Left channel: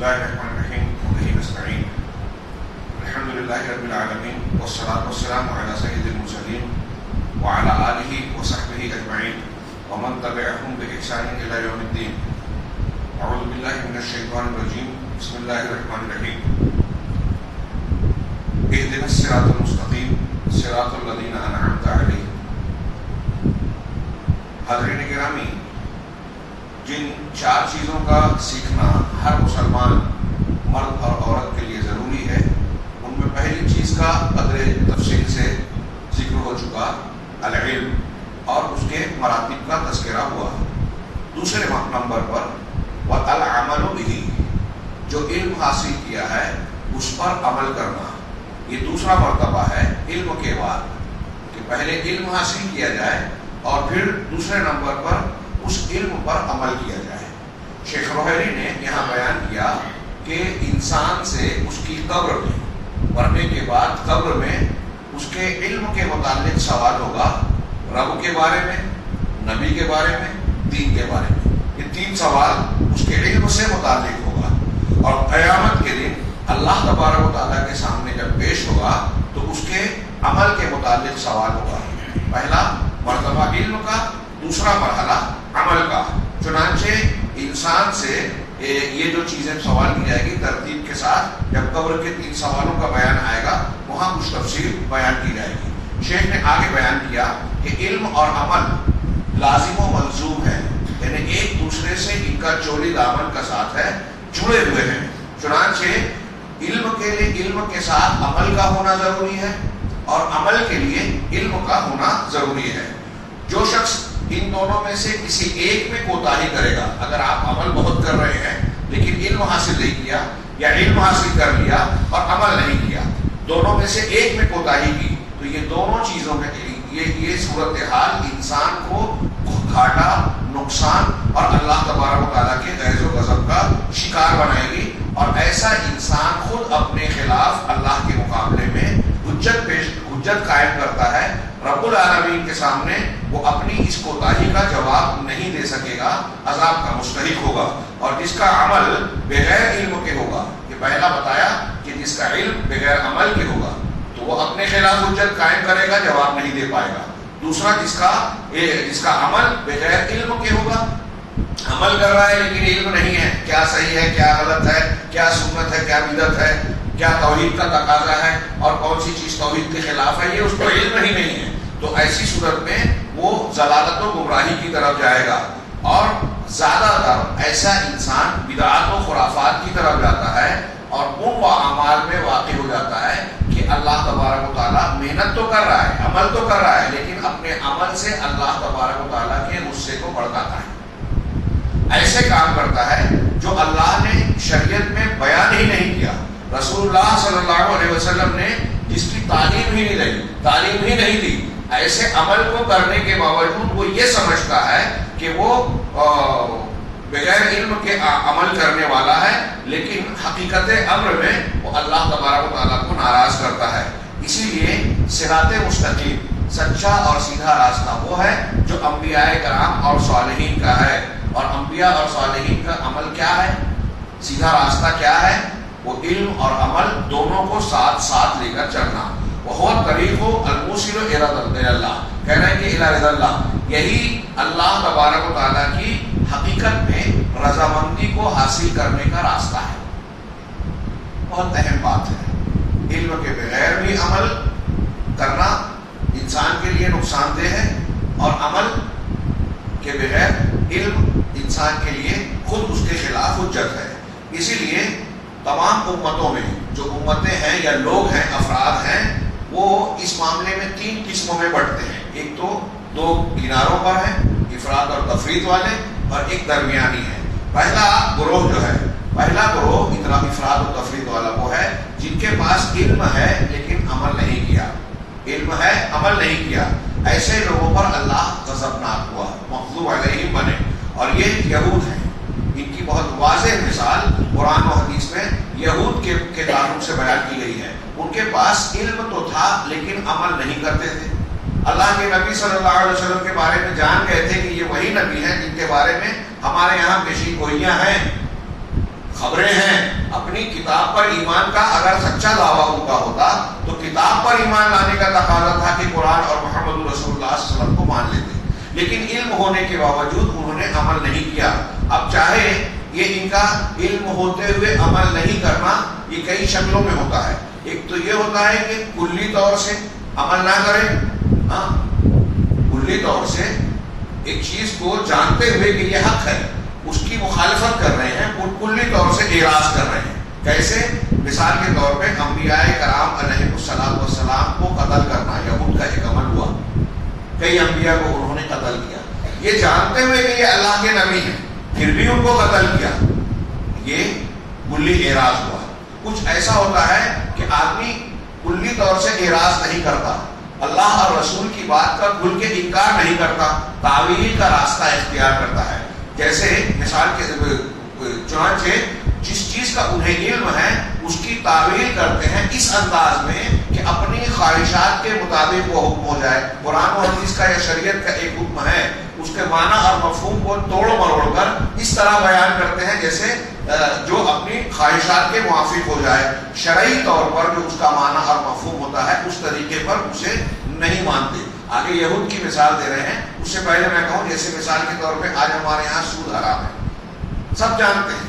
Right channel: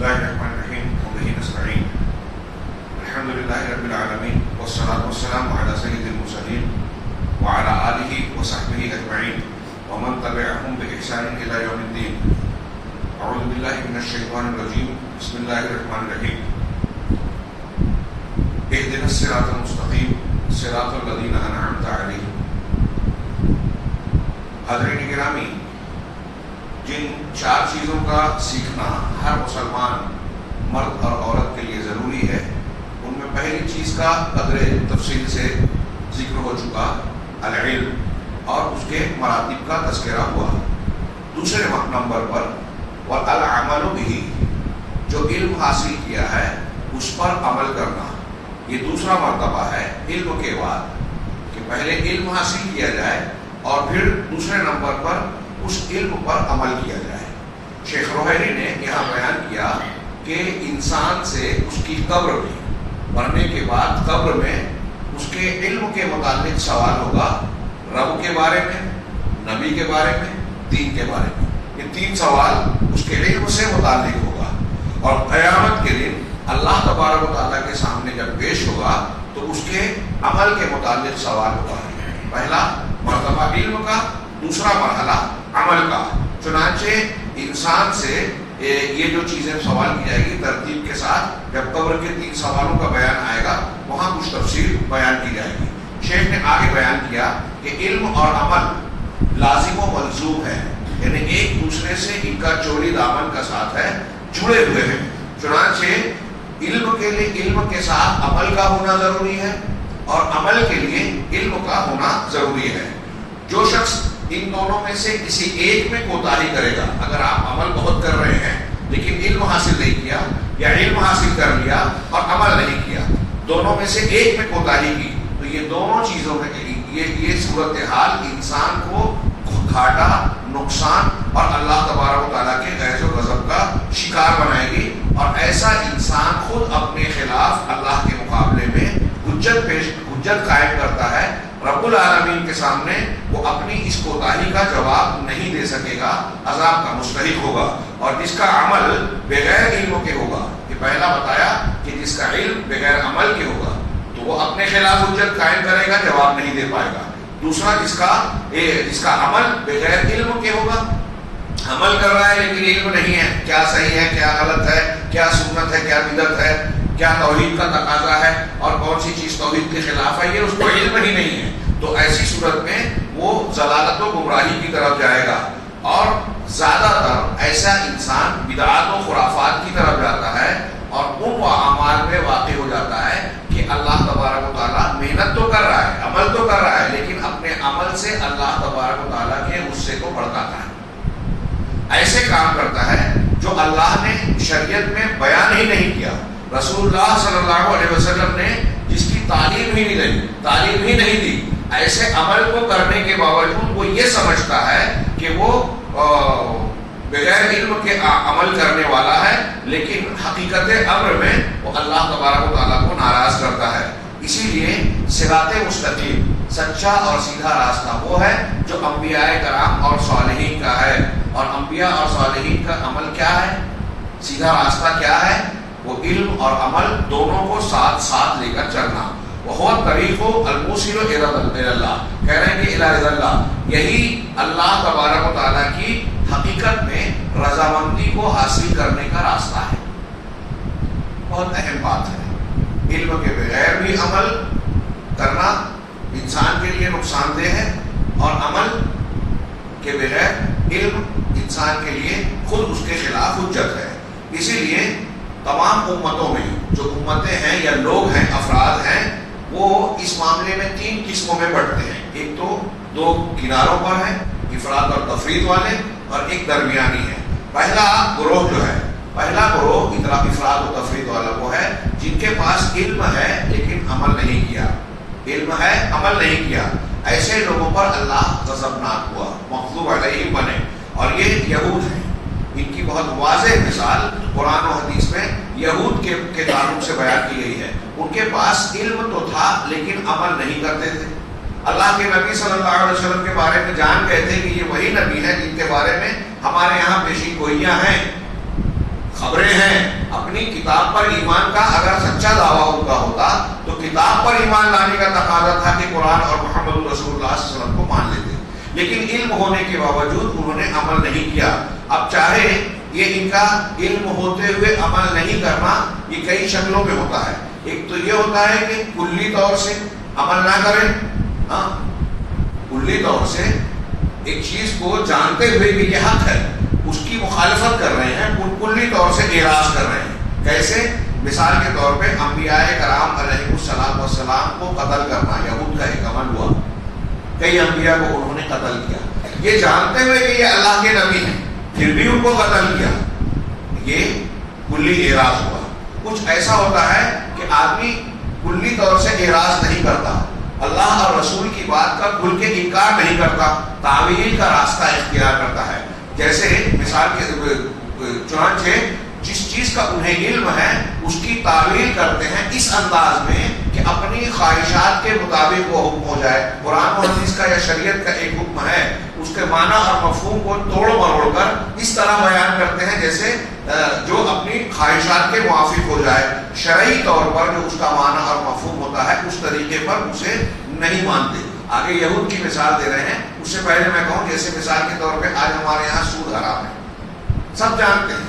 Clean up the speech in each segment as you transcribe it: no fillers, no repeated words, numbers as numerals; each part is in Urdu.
الله الرحمن الرحيم وبه نستعين الحمد لله رب العالمين والصلاة والسلام على سيد المرسلين وعلى آله وصحبه أجمعين ومن تبعهم بإحسان إلى يوم الدين. أعوذ بالله من الشيطان الرجيم. بسم الله الرحمن الرحيم. اهدنا الصراط المستقيم صراط الذين أنعمت عليهم. حاضرین گرامی، جن چار چیزوں کا سیکھنا ہر مسلمان مرد اور عورت کے لیے ضروری ہے، ان میں پہلی چیز کا قدر تفصیل سے ذکر ہو چکا، العلم، اور اس کے مراتب کا تذکرہ ہوا. دوسرے نمبر پر والعمل به، جو علم حاصل کیا ہے اس پر عمل کرنا. یہ دوسرا مرتبہ ہے علم کے بعد، کہ پہلے علم حاصل کیا جائے اور پھر دوسرے نمبر پر اس علم پر عمل کیا جائے. شیخ روحانی نے یہاں بیان کیا کہ انسان سے اس کی قبر میں مرنے کے بعد قبر میں اس کے علم کے متعلق سوال ہوگا، رب کے بارے میں، نبی کے بارے میں، دین کے بارے میں. یہ تین سوال اس کے علم سے متعلق ہوگا. اور قیامت کے دن اللہ تبارک و تعالیٰ کے سامنے جب پیش ہوگا تو اس کے عمل کے متعلق سوال ہوگا. پہلا مرتبہ علم کا، دوسرا مرحلہ عمل کا. چنانچہ انسان سے یہ جو چیزیں سوال کی جائے گی ترتیب کے ساتھ، جب قبر کے تین سوالوں کا بیان آئے گا وہاں کچھ تفصیل بیان کی جائے گی. شیخ نے آگے بیان کیا کہ علم اور عمل لازم و ملزوم ہے، یعنی ایک دوسرے سے ان کا چولی دامن کا ساتھ ہے، جڑے ہوئے ہیں. چنانچہ علم کے لیے علم کے ساتھ عمل کا ہونا ضروری ہے اور عمل کے لیے علم کا ہونا ضروری ہے. جو شخص ان دونوں میں سے کسی ایک میں کوتاہی کرے گا، اگر آپ عمل بہت کر رہے ہیں لیکن علم حاصل نہیں کیا، یا علم حاصل کر لیا اور عمل نہیں کیا، دونوں میں سے ایک میں کوتاہی کی، تو یہ دونوں چیزوں میں یہ صورتحال انسان کو گھاٹا، نقصان اور اللہ تبارک و تعالیٰ کے غیظ و غضب کا شکار بنائے گی. اور ایسا انسان خود اپنے خلاف اللہ کے مقابلے میں حجت قائم کرتا ہے. رب العالمین کے سامنے وہ اپنی اس کوتاہی کا جواب نہیں دے سکے گا، عذاب کا مستحق ہوگا. اور جس کا عمل بغیر علم کے ہوگا، یہ پہلا بتایا کہ جس کا علم بغیر عمل کے ہوگا تو وہ اپنے خلاف حجت قائم کرے گا، جواب نہیں دے پائے گا. دوسرا جس کا عمل بغیر علم کے ہوگا، عمل کر رہا ہے لیکن علم نہیں ہے، کیا صحیح ہے، کیا غلط ہے، کیا سنت ہے، کیا بدعت ہے، کیا توحید کا تقاضا ہے اور کون سی چیز توحید کے خلاف ہے، یہ اس کو علم ہی نہیں ہے. تو ایسی صورت میں وہ ضلالت و گمراہی کی طرف جائے گا. اور زیادہ تر ایسا انسان بدعات و خرافات کی طرف جاتا ہے اور ان اعمال میں واقع ہو جاتا ہے کہ اللہ تبارک و تعالیٰ محنت تو کر رہا ہے، عمل تو کر رہا ہے، لیکن اپنے عمل سے اللہ تبارک و تعالیٰ کے غصے کو بڑھاتا ہے. ایسے کام کرتا ہے جو اللہ نے شریعت میں بیان ہی نہیں کیا، رسول اللہ صلی اللہ علیہ وسلم نے جس کی تعلیم ہی نہیں دی. ایسے عمل کو کرنے کے باوجود وہ یہ سمجھتا ہے کہ وہ بغیر علم کے عمل کرنے والا ہے، لیکن حقیقت امر میں وہ اللہ تبارک و تعالیٰ کو ناراض کرتا ہے. اسی لیے صراط مستقیم، سچا اور سیدھا راستہ وہ ہے جو انبیاء کرام اور صالحین کا ہے. اور انبیاء اور صالحین کا عمل کیا ہے، سیدھا راستہ کیا ہے؟ وہ علم اور عمل دونوں کو ساتھ ساتھ لے کر چلنا. وہ طریق الموصل الی اللہ، کہنا ہے کہ الی اللہ، یہی اللہ تبارک و تعالیٰ کی حقیقت میں رضامندی کو حاصل کرنے کا راستہ ہے. بہت اہم بات ہے. علم کے بغیر بھی عمل کرنا انسان کے لیے نقصان دہ ہے، اور عمل کے بغیر علم انسان کے لیے خود اس کے خلاف حجت ہے. اسی لیے تمام امتوں میں جو امتیں ہیں یا لوگ ہیں، افراد ہیں، وہ اس معاملے میں تین قسموں میں بٹتے ہیں. ایک تو دو کناروں پر ہے، افراد اور تفرید والے، اور ایک درمیانی ہے. پہلا گروہ افراد و تفرید والا وہ ہے جن کے پاس علم ہے لیکن عمل نہیں کیا. علم ہے، عمل نہیں کیا. ایسے لوگوں پر اللہ غضبناک ہوا، مغضوب علیہم بنے. اور یہ یہود ہیں. ان کی بہت واضح مثال قرآن و حدیث میں یہود کے تعلق سے بیان کی گئی ہے. ان کے پاس علم تو تھا لیکن عمل نہیں کرتے تھے. اللہ کے نبی صلی اللہ علیہ وسلم کے بارے میں جان گئے تھے کہ یہ وہی نبی ہے جن کے بارے میں ہمارے یہاں پیشین گوئیاں ہیں، خبریں ہیں، اپنی کتاب پر ایمان کا اگر سچا دعویٰ ان کا ہوتا تو کتاب پر ایمان لانے کا تقاضا تھا کہ قرآن اور محمد رسول اللہ صلی اللہ علیہ وسلم کو مان لیتے، لیکن علم ہونے کے باوجود انہوں نے عمل نہیں کیا۔ اب چاہے یہ ان کا علم ہوتے ہوئے عمل نہیں کرنا یہ کئی شکلوں میں ہوتا ہے۔ ایک تو یہ ہوتا ہے کہ کلی طور سے عمل نہ کریں، ہاں کلی طور سے ایک چیز کو جانتے ہوئے کہ یہ حق ہے اس کی مخالفت کر رہے ہیں، کلی طور سے اعراض کر رہے ہیں۔ کیسے؟ مثال کے طور پہ انبیاء کرام علیہ السلام کو قتل کرنا یہود کا ایک عمل ہوا، کئی انبیاء کو انہوں نے قتل کیا، یہ جانتے ہوئے کہ یہ اللہ کے نبی ہیں پھر بھی ان کو قتل کیا، یہ کلی اعراض ہوا۔ کچھ ایسا ہوتا ہے کہ آدمی کلی طور سے اعراض نہیں کرتا، اللہ اور رسول کی بات کا کھل کے انکار نہیں کرتا، تعویل کا راستہ اختیار کرتا ہے۔ جیسے مثال کے چنانچہ جس چیز کا انہیں علم ہے اس کی تعویل کرتے ہیں اس انداز میں کہ اپنی خواہشات کے مطابق وہ حکم ہو جائے۔ قرآن و حدیث کا یا شریعت کا ایک حکم ہے، اس کے معنی اور مفہوم کو توڑ مروڑ کر اس طرح بیان کرتے ہیں جیسے جو اپنی خواہشات کے موافق ہو جائے، شرعی طور پر جو اس کا معنی اور مفہوم ہوتا ہے اس طریقے پر اسے نہیں مانتے۔ آگے یہود کی مثال دے رہے ہیں، اس سے پہلے میں کہوں جیسے مثال کے طور پہ آج ہمارے یہاں سود حرام ہے، سب جانتے ہیں،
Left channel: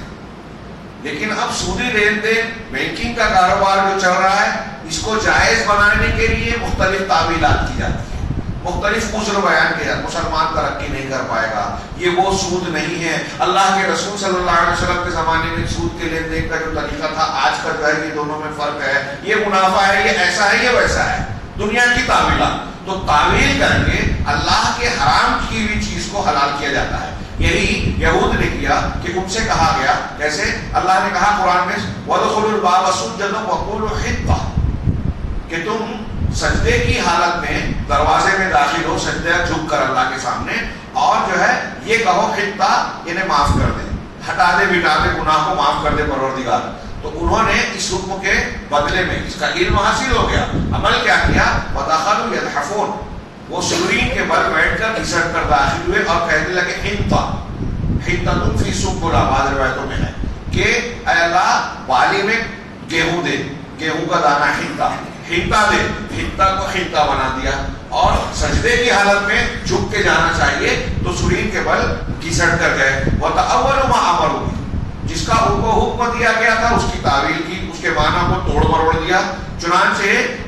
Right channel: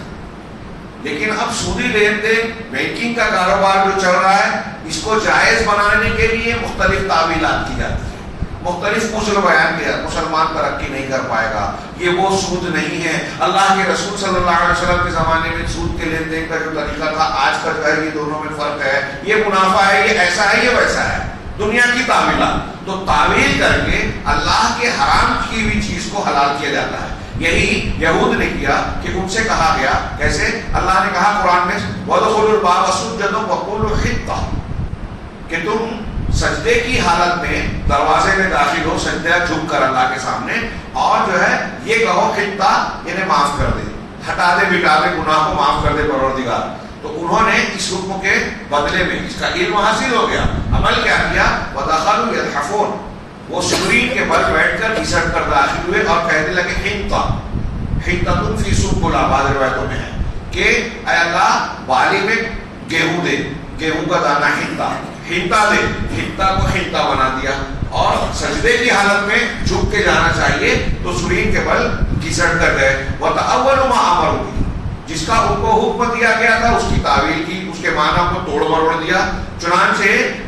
لیکن اب سودی لین دین بینکنگ کا کاروبار جو چل رہا ہے اس کو جائز بنانے کے لیے مختلف تعویلات کی جاتی ہیں، مختلف عذر بیان کیا جاتا ہے۔ مسلمان ترقی نہیں کر پائے گا، یہ وہ سود نہیں ہے، اللہ کے رسول صلی اللہ علیہ وسلم کے زمانے میں سود کے لین دین کا جو طریقہ تھا آج کا جو ہے یہ دونوں میں فرق ہے، یہ منافع ہے، یہ ایسا ہے، یہ ویسا ہے، دنیا کی تعویلات۔ تو تعویل کر کے اللہ کے حرام کی ہوئی چیز کو حلال کیا جاتا ہے۔ یہی یہود نے کیا کہ ان سے کہا گیا، کیسے؟ اللہ نے کہا قرآن میں وَادْخُلُوا الْبَابَ سُجَّدًا وَقُولُوا حِطَّةٌ، کہ تم سجدے کی حالت میں دروازے میں داخل ہو، سجدہ جھک کر اللہ کے سامنے، اور جو ہے یہ کہو حِطَّہ، انہیں معاف کر دے، ہٹا دے، مٹا دے، گناہ کو معاف کر دے پروردگار۔ تو انہوں نے اس حکم کے بدلے میں اس کا علم حاصل ہو گیا، عمل کیا کیا؟ وَدَخَلُوا يَضْحَكُونَ، وہ سکرین کے بل بیٹھ کر گھسٹ کر داخل ہوئے اور کہنے لگے حِنطَةٌ فِي سُنبُلَةٍ، بعض روایتوں میں ہے کہ اے اللہ بالی میں گیہوں دے، گیہوں کا دانہ حنطہ دے، حنطہ کو حنطہ بنا دیا، اور سجدے کی حالت میں جھک کے جانا چاہیے تو سکرین کے بل گھسٹ کر گئے۔ وَتَأَوَّلُوا مَا أَمَرُوا بِهِ، جس کا ان کو حکم دیا گیا تھا اس کی تعویل کی، اس کے معنی کو توڑ مروڑ دیا۔ چنانچہ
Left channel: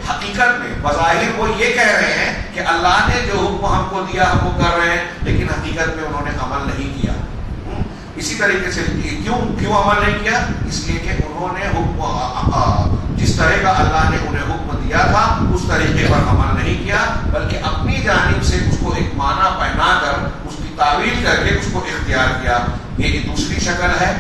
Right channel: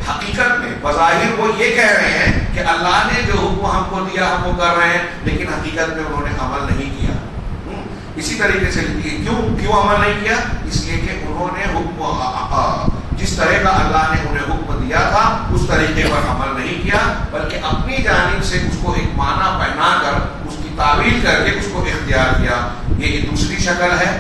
حقیقت میں بظاہر وہ یہ کہہ رہے ہیں کہ اللہ نے جو حکم ہم کو دیا ہم کو کر رہے ہیں، لیکن حقیقت میں انہوں نے عمل نہیں کیا۔ اسی طریقے سے کیوں عمل نہیں کیا؟ اس لیے کہ انہوں نے حکم جس طرح کا اللہ نے انہیں حکم دیا تھا اس طریقے پر عمل نہیں کیا، بلکہ اپنی جانب سے اس کو ایک معنی پہنا کر اس کی تعویل کر کے اس کو اختیار کیا۔ یہ دوسری شکل ہے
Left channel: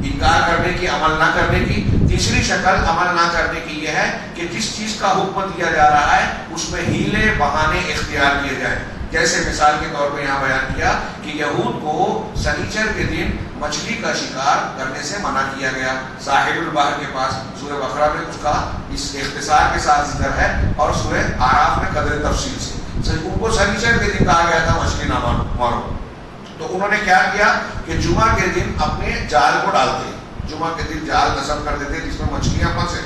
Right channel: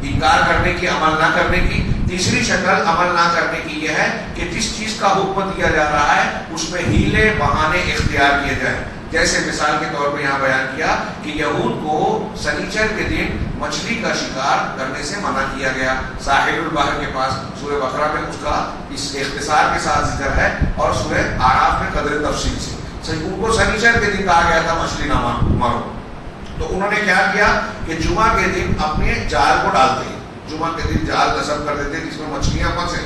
انکار کرنے کی، عمل نہ کرنے کی۔ تیسری شکل عمل نہ کرنے کی یہ ہے کہ جس چیز کا حکم دیا جا رہا ہے اس میں ہیلے بہانے اختیار کیے جائیں۔ جیسے مثال کے طور پہ یہاں بیان کیا کہ یہود کو سنیچر کے دن مچھلی کا شکار کرنے سے منع کیا گیا، ساحل البحر کے پاس سورہ بقرہ میں اس کا اس اختصار کے ساتھ ذکر ہے، اور سورہ اعراف میں قدر تفصیل سے ان کو سنیچر کے دن کہا گیا تھا مچھلی نہ مارو۔ تو انہوں نے کیا کیا کہ جمعہ کے دن اپنے جال کو ڈالتے، جمعہ کے دن جال نصب کر دیتے جس میں مچھلیاں پھنسے،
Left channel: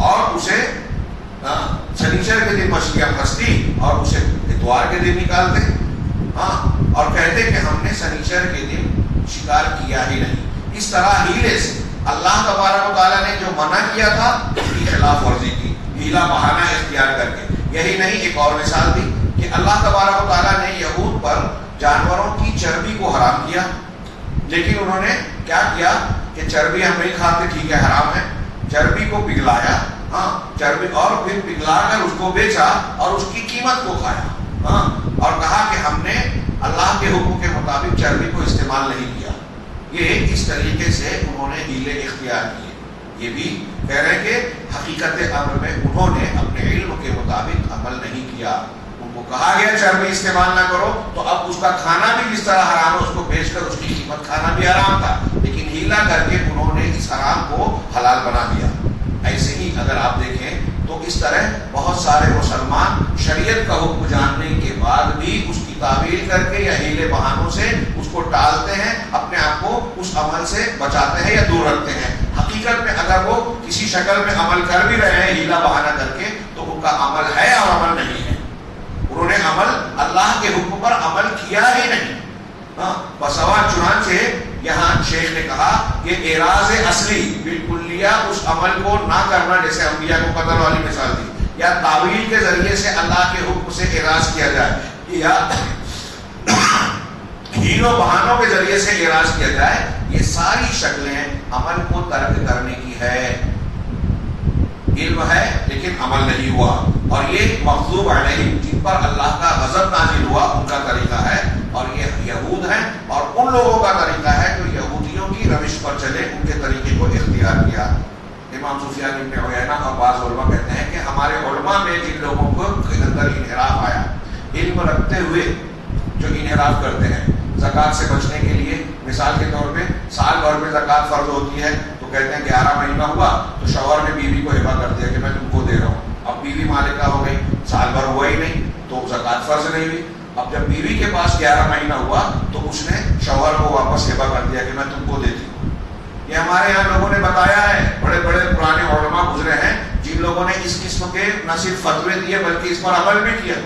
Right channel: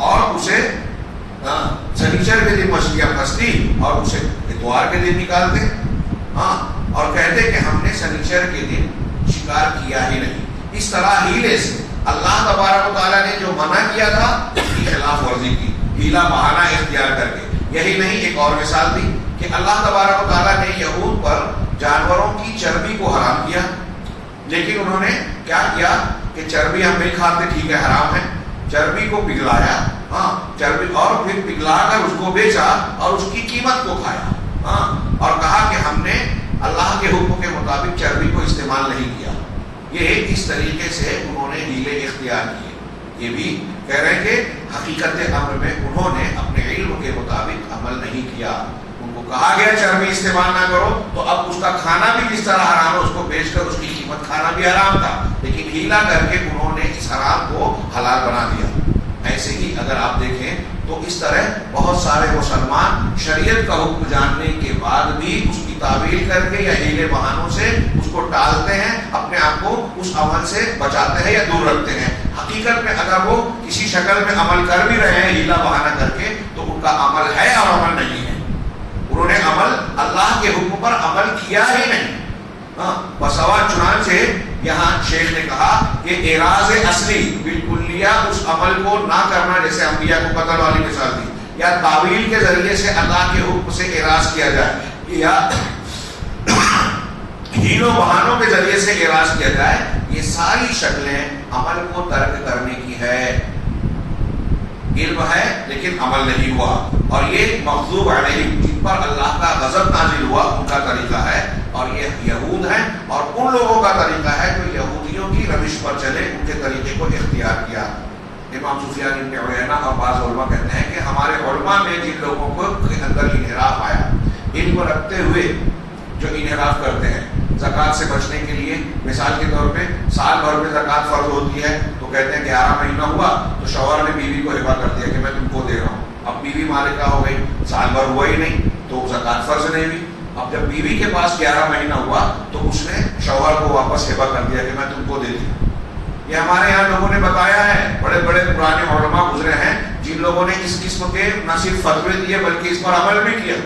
اور اسے سنیچر کے دن مچھلیاں پھنستی اور اسے اتوار کے دن نکالتے، اور کہتے کہ ہم نے سنیچر کے دن شکار کیا ہی نہیں۔ اس طرح ہیلے سے اللہ تبارک و تعالیٰ نے جو منع کیا تھا اس کی خلاف ورزی کی، ہیلا بہانہ اختیار کر کے۔ یہی نہیں، ایک اور مثال دی کہ اللہ تبارک و تعالیٰ نے یہود پر جانوروں کی چربی کو حرام کیا، لیکن انہوں نے کیا کیا کہ چربی ہم نہیں کھاتے، ٹھیک ہے حرام ہے، چربی کو پگھلایا، چربی، اور پھر پگھلا کر اس کو بیچا اور اس کی قیمت کو کھایا، اور کہا کہ ہم نے اللہ کے حکم کے مطابق چربی کو استعمال نہیں کیا۔ یہ اس طریقے سے انہوں نے ہیلے اختیار کیے۔ یہ بھی کہہ رہے ہیں کہ حقیقت امر میں انہوں نے اپنے علم کے مطابق عمل نہیں کیا۔ کہا گیا چربی استعمال نہ کرو، تو اب اس کا کھانا بھی جس طرح حرام ہے، اس کو بیچ کر اس کی قیمت کھانا بھی حرام تھا، لیکن ہیلا کر کے انہوں نے اس حرام کو حلال بنا دیا۔ ایسے ہی اگر آپ دیکھیں تو اس طرح بہت سارے مسلمان شریعت کا حکم جاننے کے بعد بھی اس کی تعویل کر کے یا ہیلے بہانوں سے اس کو ٹالتے ہیں، اپنے آپ کو اس عمل سے بچاتے ہیں یا دور رکھتے ہیں۔ حقیقت میں اگر اگر وہ کسی شکل میں عمل کر بھی رہے ہیں ہیلا بہانہ کر کے تو ان کا عمل ہے اور عمل نہیں ہے. انہوں نے عمل اللہ کے حکم پر عمل کیا ہی نہیں. بسوا چنانچہ یہاں شیخ نے کہا کہ اعراض اصلی بالکلیہ اس عمل کو نہ کرنا، جیسے انبیاء کو قتل والی مثال دی، یا تعویل کے ذریعے سے اللہ کے حکم سے اعراض کیا جائے، یا ہیلوں بہانوں کے ذریعے سے اعراض کیا جائے، یہ ساری شکلیں عمل کو ترک کرنے کی ہے. علم ہے لیکن عمل نہیں ہوا، اور یہ مغضوب علیہم جن پر اللہ کا غضب نازل ہوا ان کا طریقہ ہے، اور یہ یہود ہیں اور ان لوگوں کا طریقہ ہے جو یہودیوں کی روش پر چلے، ان کے طریقے کو اختیار کیا. امام سفیان بن عیینہ اور بعض علماء کہتے ہیں کہ ہمارے علماء میں جن لوگوں کو اندر انحراف آیا، علم رکھتے ہوئے جو انحراف کرتے ہیں زکوٰۃ سے بچنے کے لیے، مثال کے طور پہ سال بھر میں زکوٰۃ فرض ہوتی ہے تو کہتے ہیں 11 مہینہ ہوا تو شوہر نے بیوی کو ہبہ کر دیا کہ میں تم کو دے رہا ہوں. اب بیوی مالکہ ہو گئی، سال بھر ہوا ہی نہیں تو زکوٰۃ فرض نہیں ہوئی. اب جب بیوی کے پاس 11 مہینہ ہوا تو اس نے شوہر کو واپس ہبہ کر دیا کہ میں تم کو دیتی ہوں. یہ ہمارے یہاں لوگوں نے بتایا ہے، بڑے بڑے پرانے علماء گزرے ہیں جن لوگوں نے اس قسم کے نہ صرف فتوے دیے بلکہ اس پر عمل بھی کیا.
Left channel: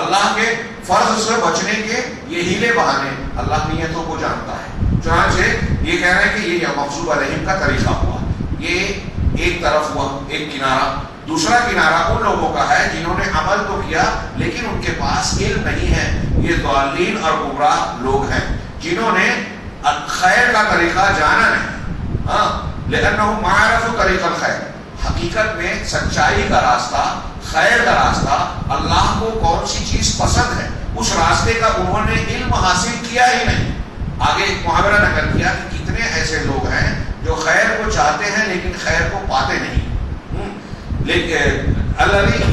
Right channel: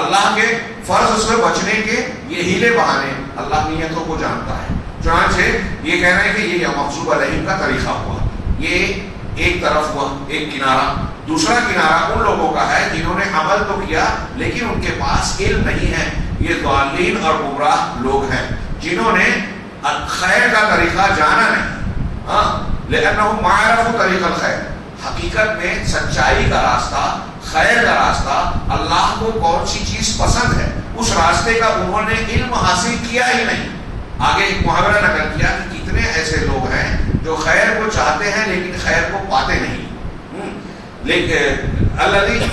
اللہ کے فرض سے بچنے کے یہ ہیلے بہانے اللہ نیتوں کو جانتا ہے. چنانچہ یہ کہہ رہے ہیں کہ یہ مغضوب علیہم کا طریقہ ہوا. یہ ایک طرف ہوا، ایک کنارہ. دوسرا کنارہ ان لوگوں کا ہے جنہوں نے عمل تو کیا لیکن ان کے پاس علم نہیں ہے. یہ ضالین اور گمراہ لوگ ہیں جنہوں نے خیر کا طریقہ جانا نہیں. لأنهم ما عرفوا طریق الخیر، حقیقت میں سچائی کا راستہ، خیر کا راستہ، اللہ کو کون سی چیز پسند ہے اس راستے کا انہوں نے علم حاصل کیا ہی نہیں. آگے ایک محاورہ نقل کیا کہ کتنے ایسے لوگ ہیں جو خیر کو چاہتے ہیں لیکن خیر کو پاتے نہیں. لیکن اللہ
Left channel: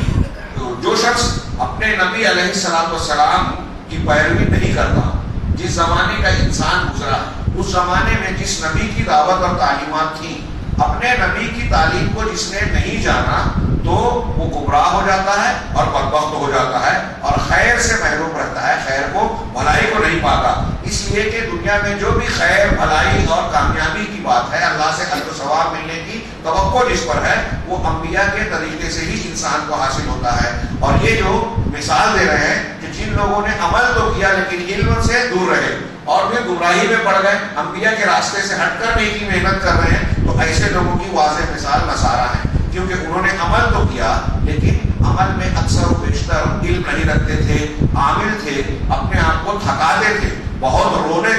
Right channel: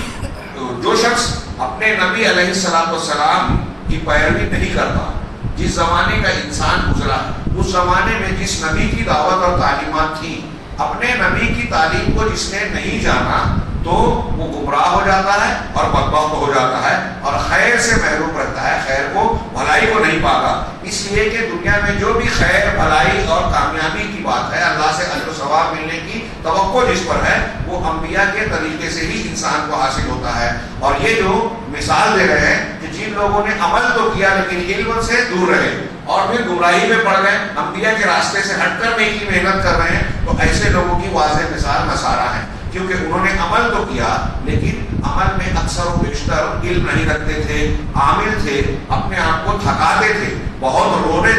جو شخص اپنے نبی علیہ السلام کی پیروی نہیں کرتا، جس زمانے کا انسان گزرا اس زمانے میں جس نبی کی دعوت اور تعلیمات تھی، اپنے نبی کی تعلیم کو جس نے نہیں جانا تو وہ گمراہ ہو جاتا ہے اور بدبخت ہو جاتا ہے اور خیر سے محروم رہتا ہے، خیر کو بھلائی کو نہیں پاتا. اس لیے کہ دنیا میں جو بھی خیر بھلائی اور کامیابی کی بات ہے، اللہ سے اجر و ثواب ملنے کی توقع جس پر ہے، وہ انبیاء کے طریقے سے ہی انسان کو حاصل ہوتا ہے. اور یہ جو مثال دے رہے ہیں کہ جن لوگوں نے عمل تو کیا لیکن علم سے دور رہے اور پھر گمراہی میں پڑ گئے، انبیاء کے راستے سے ہٹ کر نیکی محنت کر رہے ہیں، تو ایسے لوگوں کی واضح مثال نصارہ ہے. کیونکہ انہوں نے عمل تو کیا لیکن عمل میں اکثر و بیشتر علم نہیں رکھتے تھے، عامل تھے، اپنے آپ کو تھکاتے تھے، بہت روتے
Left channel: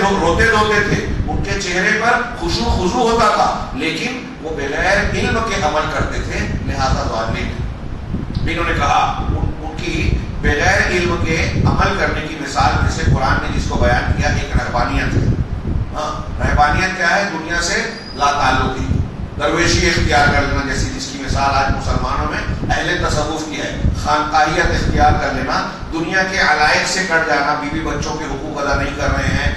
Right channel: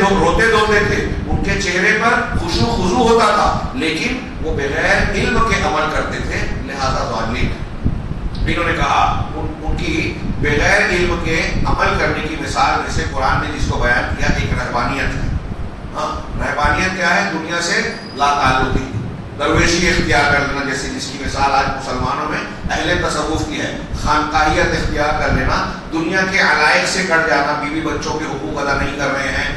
دھوتے تھے، ان کے چہرے پر خضوع ہوتا تھا، لیکن وہ بغیر علم کے عمل کرتے تھے، لہذا ضالین. انہوں نے کہا ان کی بغیر علم کے عمل کرنے کی مثال میں سے قرآن نے جس کو بیان کیا ایک رہبانیت ہے. رہبانیت کیا ہے؟ دنیا سے لا تعلقی، درویشی اختیار کر لینا، جیسے جس کی مثال آج مسلمانوں میں اہل تصوف کی ہے. خانقاہیت اختیار کر لینا، دنیا کے علائق سے کٹ جانا، بیوی بچوں کے حقوق ادا نہیں کر رہے ہیں،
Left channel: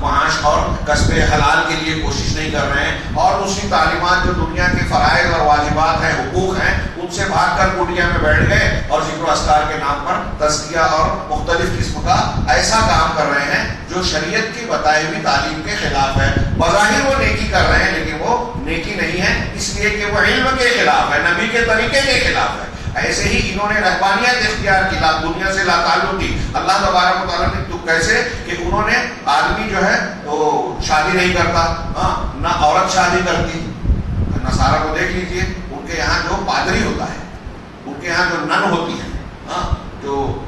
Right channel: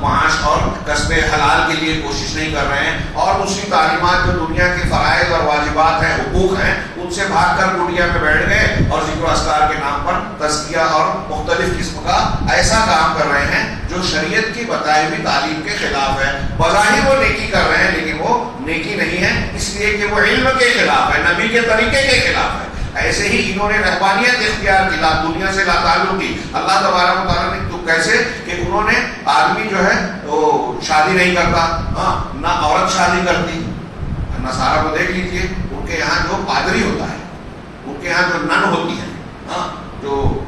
معاش اور کسب حلال کے لیے کوشش نہیں کر رہے ہیں، اور دوسری تعلیمات جو دنیا کے فرائض اور واجبات ہیں، حقوق ہیں، ان سے بھاگ کر کٹیا میں بیٹھ گئے اور ذکر و اذکار کے نام پر تزکیہ اور مختلف قسم کا ایسا کام کر رہے ہیں جو شریعت کی بتائی ہوئی تعلیم کے خلاف ہے. بظاہر وہ نیکی کر رہے ہیں لیکن وہ نیکی نہیں ہے، اس لیے کہ وہ علم کے خلاف ہے، نبی کے طریقے کے خلاف ہے. ایسے ہی انہوں نے رہبانیت اختیار کی، دنیا سے لا تعلق کی. اللہ تبارک و تعالیٰ نے تو کیسے کہ انہوں نے آدمی جو ہے وہ شادی نہیں کرتا، نہ عورت شادی کرتی. نصارہ کو دیکھ لیجیے، ان کے یہاں جو پادری ہوتا ہے، ان کے یہاں جو نن ہوتی ہیں، جو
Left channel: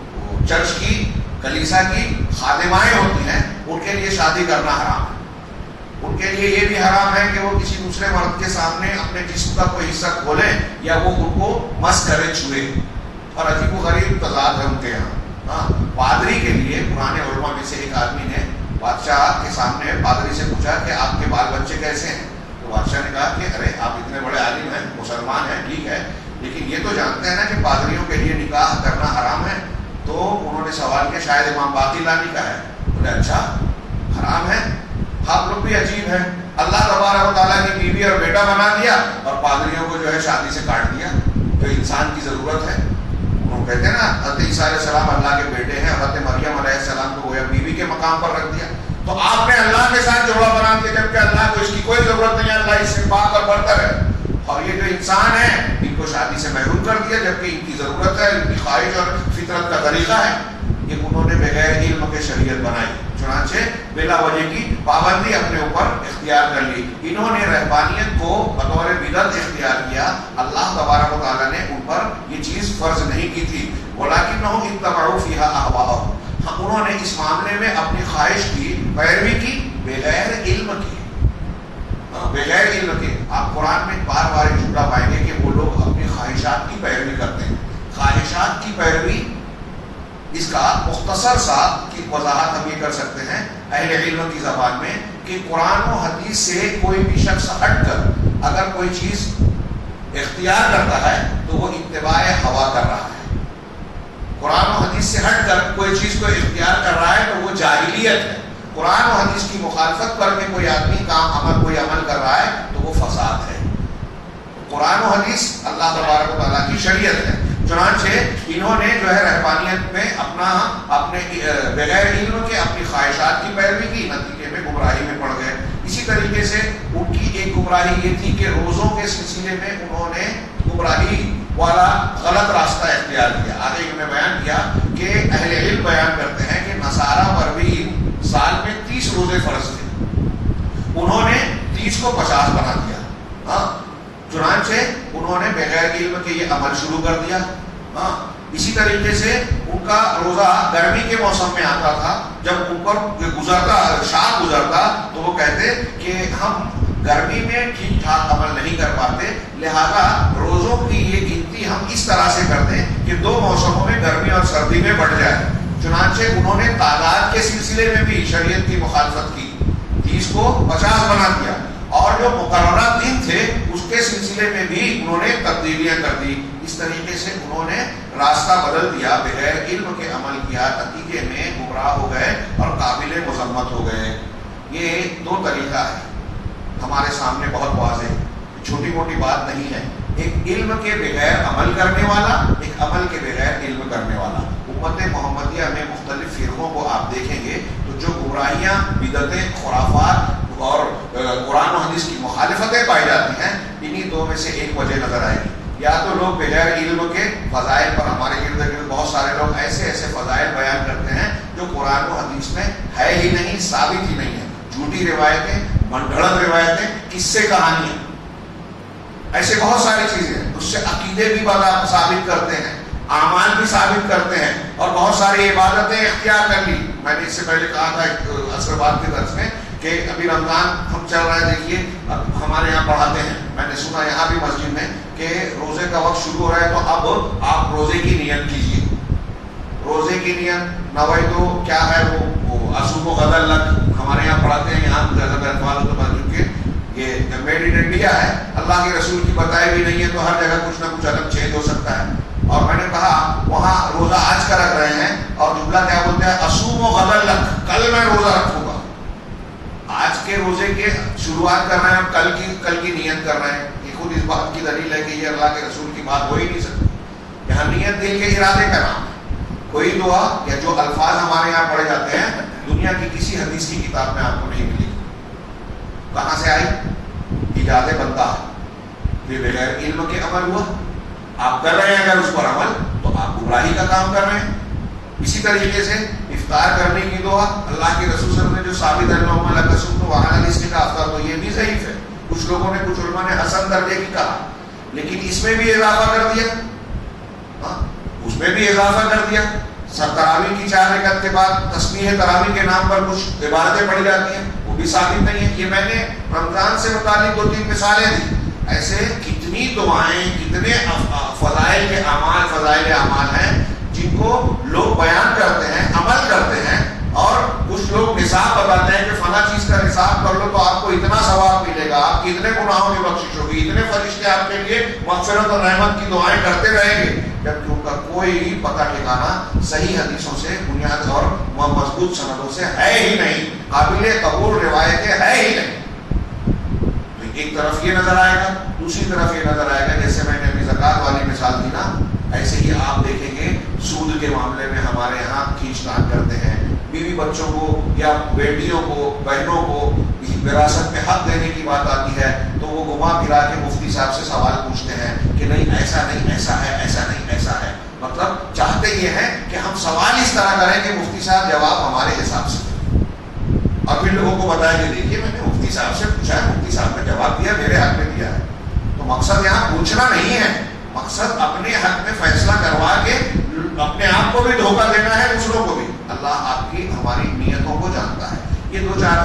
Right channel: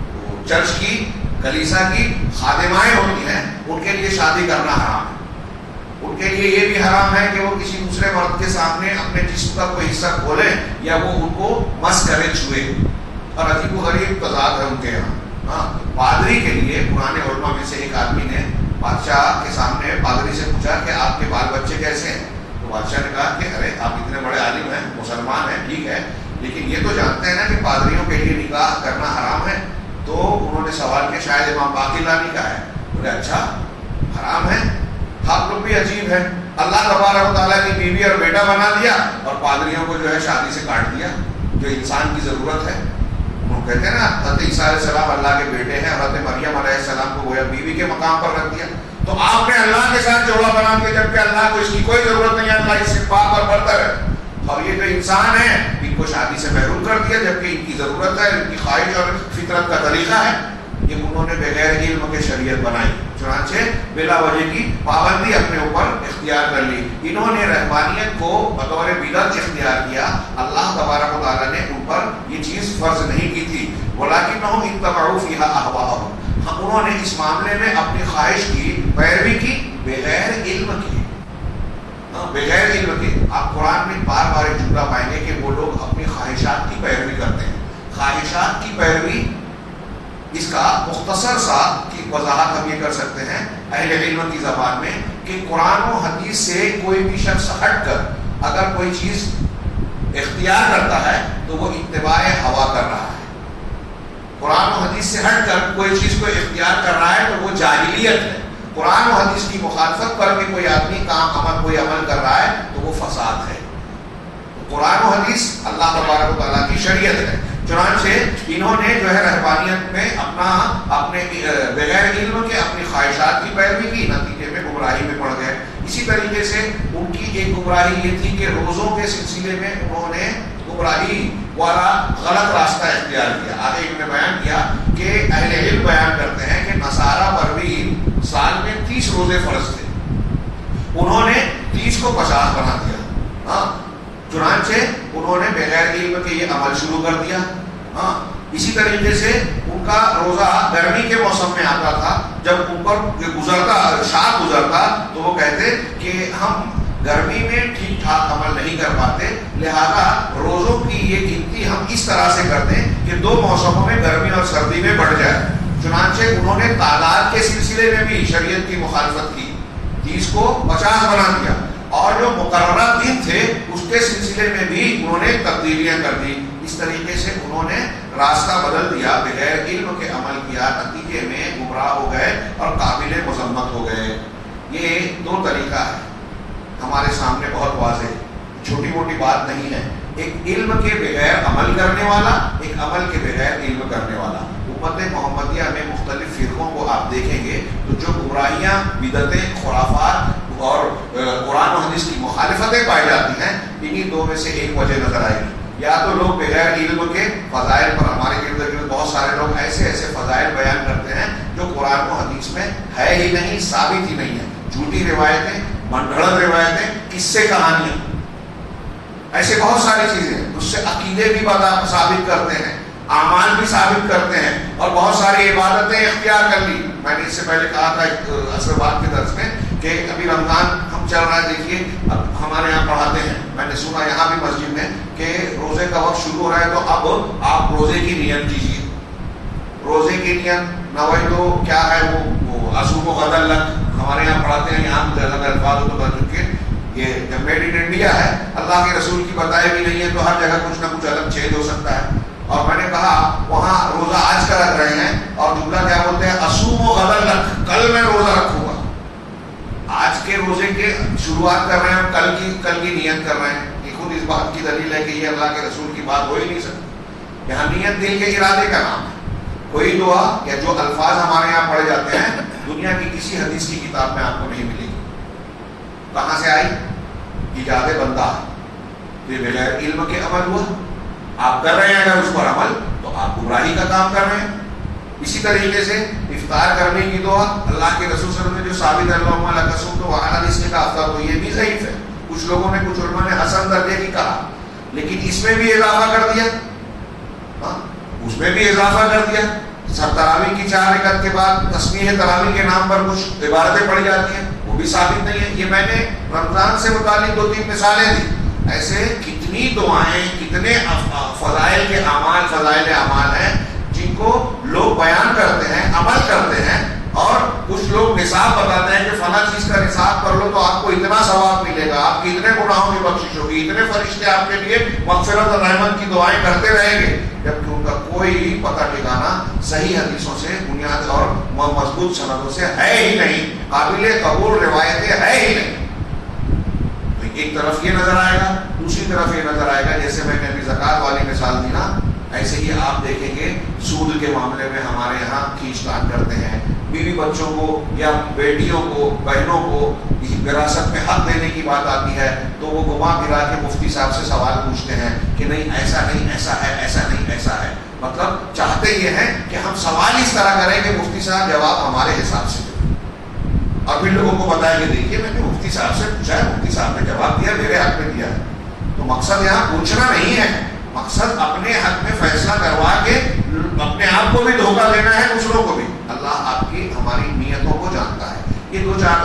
چرچ کی کلیسا کی خادمائیں ہوتی ہیں، ان کے لیے شادی کرنا حرام ہے. ان کے لیے یہ بھی حرام ہے کہ وہ کسی دوسرے مرد کے سامنے اپنے جسم کا کوئی حصہ کھولیں یا وہ ان کو مس کرے، چھوئے. اور عجیب و غریب تضاد ہے ان کے یہاں. پادری کے لیے پرانے علماء میں سے ایک آدمی نے بادشاہ کے سامنے پادری سے پوچھا کہ آپ کے بال بچے کیسے ہیں؟ تو بادشاہ نے کہا کہ ارے آپ اتنے بڑے عالم ہیں، مسلمان ہیں، ٹھیک ہے، لیکن یہ تو جانتے ہیں نا کہ پادریوں کے لیے نکاح کرنا حرام ہے. تو انہوں نے سوال کیا شاید امام باقی لانی کا ہے. بولے اچھا حرام ہے؟ آپ لوگ بھی عجیب ہے، اللہ تبارک و تعالیٰ کی بیوی اور بیٹا بنا دیا اور پادریوں کو جو ہے شادی سے کاٹ دیا. تو انسان کی ضرورت ہے. وہ کہتے ہیں نا حضرت عیسیٰ علیہ السلام اللہ کے بیٹے ہیں، حضرت مریم علیہ السلام کو گویا بیوی کے مقام پر رکھ دیا. تو آپ نے اللہ کے ساتھ جوڑا بنا دیا جبکہ اللہ کو اس کی کوئی ضرورت نہیں ہے، اللہ اس سے پاک اور برتر ہے. اور یہ جو انسان ہے ان کو شادی سے محروم کر دیا جبکہ ان کی ضرورت ہے، ان کی خواہش اور فطرت کا طریقہ ہے، یہ انہوں نے بغیر علم کے شریعت بنائی، چنانچہ بلا وجہ کی پابندی اپنے اوپر اختیار کر لی۔ انہوں نے رہبانیت کو بطور بدعت اختیار کیا، اللہ تبارک و تعالیٰ نے ان پر یہ چیز فرض نہیں کی تھی، وَلَكِنَّهُمْ اتَّبَعُوا فِيهَا أَهْوَاءَهُمْ، انہوں نے اس معاملے میں اپنی خواہش کی پیروی کی بغیر علم کی، بغیر علم کے۔ آپ قرآن میں بار بار ایک جملہ پائیں گے کہ وہ لوگ اپنی خواہشات کی پیروی کرتے ہیں۔ خواہشات کی پیروی، اس کا مختصر سا کی وضاحت ہم یہ کر سکتے ہیں اہل علم کی زبان میں کہ قرآن و حدیث سے کوئی بھی شخص ہٹ کر اگر کوئی چیز اختیار کرتا ہے تو وہ اتباع ہوا کر رہا ہے۔ قرآن و حدیث سے ہٹ کر کوئی چیز کو اختیار کر رہا ہے تو وہ جاہلیت ہے۔ قرآن و حدیث کی مخالفت کر کے کوئی آدمی کوئی عمل کر رہا ہے تو وہ فساد ہے۔ قرآن و حدیث اللہ تبارک و تعالیٰ کی شریعت ہے، چنانچہ انہوں نے جو ہے رہبانیت میں اپنے بغیر علم کے اپنی خواہشات کی پیروی کی، نتیجے میں گمراہی میں پڑ گئے۔ اسی طریقے سے ان کی ایک گمراہی یہ تھی کہ روزوں کے سلسلے میں انہوں نے گمراہی والا غلط راستہ اختیار کیا۔ آگے انہوں نے بیان کیا کہ اہل علم بیان کرتے ہیں کہ نصارہ پر بھی سال میں 30 روزے فرض تھے، انہوں نے 30 کو 50 بنا دیا، چنانچہ انہوں نے بغیر علم کے یہ عمل شروع کر دیا۔ اسی طریقے سے ان کا روزہ گرمی کے موسم میں آتا تھا، جب اوپر شاد گزرتا تو وہ کہتے کہ ہم گرمی میں ٹھیک ٹھاک عمل نہیں کر پاتے، لہذا روزوں کی یہ گنتی ہم اس طرح سے کرتے ہیں کہ 2 موسموں میں گرمی اور سردی میں بڑھ جائے۔ چنانچہ انہوں نے تعداد کے سلسلے میں بھی شریعت کی مخالفت کی، 30 کو 50 بنا دیا، اور جو مقررہ دن تھے اس کے سلسلے میں بھی انہوں نے تبدیلیاں کر دی۔ اس طریقے سے انہوں نے راستہ بدل دیا، بغیر علم کے عمل کیا، نتیجے میں گمراہ ہو گئے اور قابل مذمت ہو گئے۔ یہ 2 طریقہ ہے ہمارے سامنے، بہت واضح، چھوٹی موٹی بات نہیں ہے۔ ایک علم کے بغیر عمل کرنے والا، ایک عمل کے بغیر علم کرنے والا۔ امت محمدیہ میں مختلف فرقوں کو آپ دیکھیں گے تو جو گمراہیاں، بدعتیں، خرافات اور قرآن و حدیث کی مخالفتیں پائی جاتی ہیں، انہی 2 میں سے ایک وجہ نظر آئے گی۔ یا تو لوگ بغیر علم کے فضائل پر، ہمارے گرد گرد بہت سارے لوگ ایسے فضائل بیان کرتے ہیں جو قرآن و حدیث میں ہے ہی نہیں، ثابت ہی نہیں ہے، جھوٹی روایتیں، من گھڑت روایتیں، قصے کہانیاں، ایسے بہت ساری چیزیں ہیں۔ اس سے عقیدے بھی ثابت کرتے ہیں، اعمال بھی ثابت کرتے ہیں، اور بہت ساری عبادتیں اختیار کر لی۔ میں نے اس سے پہلے کہا تھا عصر بعد کے درس میں کہ ابھی رمضان ہم چل رہا ہے، دیکھیے ہمارے یہاں پڑھاتے ہیں، میں نے سنا یہاں بھی مسجد میں کہ روزے کا وقت شروع ہو رہا ہے تو اب آپ روزے کی نیت کیجیے۔ روزے کی نیت نوئی تو کیا ہے، وہ اصوم و غد لک ہمارے یہاں پڑھاتے ہیں، یہاں الگ الفاظ ہوتے ہیں کیونکہ یہ میڈ ان انڈیا ہے، اللہ کے رسول کی بتائی بھی نہیں ہے تو ہر جگہ کچھ نہ کچھ عدم چھید ہو سکتا ہے۔ اور میں نے کہا وہاں روزہ آج کا رکھ رہے ہیں اور جملہ کیا بولتے ہیں، اصوم و غد لک، کل میں روزہ رکھوں گا۔ آج کے روزے کے شروعات کر رہے ہیں اور کل کی نیت کر رہے ہیں، یہ خود اس بات کی دلیل ہے کہ یہ اللہ کے رسول کی بات ہو ہی نہیں سکتی۔ یہاں نیت دل کے ارادے کا نام ہے۔ کوئی دعا یا جو الفاظ ہمارے یہاں پڑھے جاتے ہیں دنیا کی کسی حدیث کی کتاب میں آپ کو نہیں ملے گی۔ کہاں سے آئی؟ ایجاد بندہ، یہ بغیر علم کے عمل ہوا۔ آپ کر رہے ہیں اگر اس پر عمل تو آپ گمراہی کا کام کر رہے ہیں۔ اسی طریقے سے افطار کرنے کی دعا اللہ کے رسول صلی اللہ علیہ وسلم نے جو ثابت اللہم لک صمت وعلی رزقک افطر، تو یہ بھی ضعیف ہے۔ کچھ لوگوں نے، کچھ علماء نے حسن درجے کی کہا، لیکن اس میں بھی اضافہ کر دیا، اس میں بھی اضافہ کر دیا۔ تراویح کی 4 رکعت کے بعد تسبیح تراویح کے نام پر کچھ عبادتیں پڑھی جاتی ہیں، وہ بھی ثابت نہیں ہے۔ یہ میں نے رمضان سے متعلق 2-3 مثالیں دی۔ ایسے کتنی دعائیں، کتنے فضائل کے اعمال، فضائل اعمال ہیں جن کو لوگ بیان کرتے ہیں، عمل کرتے ہیں، اور کچھ لوگ نصاب بتاتے ہیں کہ فلاں چیز کا نصاب کر لو تو آپ کو اتنا ثواب ملے گا، آپ کی اتنے گناہوں کی بخشش ہوگی، اتنے فرشتے آپ کے لیے مغفرت اور رحمت کی دعائیں کرتے رہیں گے، جبکہ ان کا کوئی پتہ ٹھکانا صحیح حدیثوں سے، بنیاد اور مضبوط سندوں سے ہے ہی نہیں، قابل قبول روایتیں ہے ہی نہیں۔ ایک طرف یہ نظر آئے گا، دوسری طرف یہ نظر آئے گا، جیسے میں نے ابھی زکوٰۃ والی مثال دی نا، ایسے ہی آپ دیکھیں گے سود کے معاملے میں ہمارے یہاں کھینچ تان کرتے ہیں، بیوی بچوں کو یا بیٹیوں کو بہنوں کو وراثت میں حق دینے کی بات آتی ہے تو وہ گھما پھرا کے مفتی صاحب سے سوال پوچھتے ہیں کہ نہیں ایسا نہیں ایسا ہے، ایسا نہیں ایسا ہے. مطلب چاہتے یہ ہیں کہ ہم سوال اس طرح کریں کہ مفتی صاحب جواب ہمارے حساب سے دیں، اور پھر لوگوں کو بتائیں کہ دیکھیے میں نے مفتی صاحب سے پوچھا ہے، مفتی صاحب نے جواب دیا، میرے حق میں دیا ہے. تو مقصد یہاں پوچھنا نہیں ہے، مقصد اپنے حق میں فیصلہ کروا کے اپنے آپ کو بھی دھوکہ دینا ہے، دوسروں کو بھی. اللہ آپ کی ہماری نیتوں کو جانتا ہے. یہ